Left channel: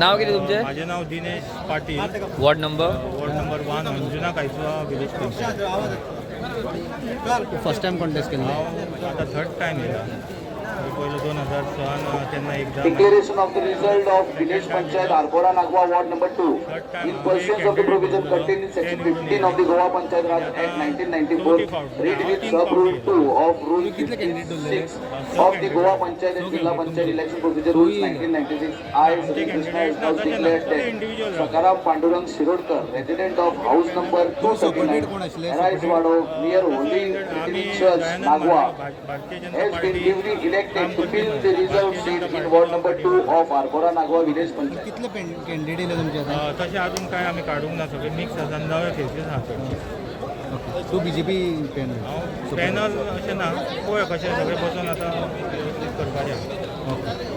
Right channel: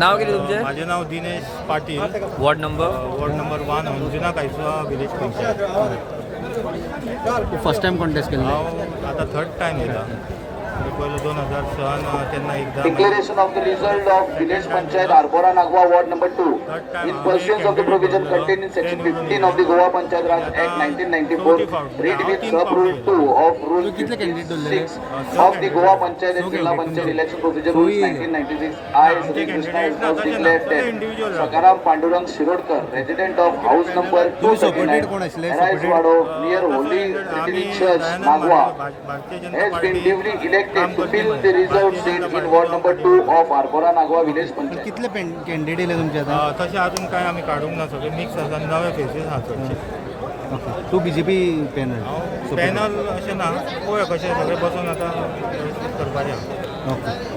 नाव किती तुमचे? माझे नाव Dinesh Patil, ward number? Ward number 1 Anjuna Caisua village panchayat. First time contest केला. हांव आता थर्ड टायम येयला. पयलो 2006 तेन्ना एकदा Declaration of the result of village panchayat Arbora Nagwa ward number 2 Third time in आम्ही pursuance of the candidate provision निवडलो. contained in section ते 15 of the Goa Panchayat Raj Act 1994 read with sub rule 2 of rule 56 of the Goa Panchayat and Jilla Panchayat election procedure rules 1996. I आमचे candidate ना तशें ना, सगळे individual रावता. Sakaram Pandurang Shirodkar resident of house number supported कोण 239 आशिल्ले? Arise Wado near Holy आम्ही Trinity Church Dayanand Nagwa Bharatiya Janata has been duly party elected काम to करपी fill म्हणून. the reserved भारतीय seat Janata in ward number party 2 of Arbora Nagwa village panchayat. कितले candidate येले तुमचे आता? तशें अजून काय आमी काडूंक ना, सगळे मिक्स आसा, नवे फेसीस आहा चडशे. तू बीजेपी पॅनल. हांव पॅनल अशें ना, पळय कशें सगळे बसून आतां व्यवस्थीत करपाचें आहा. ओके.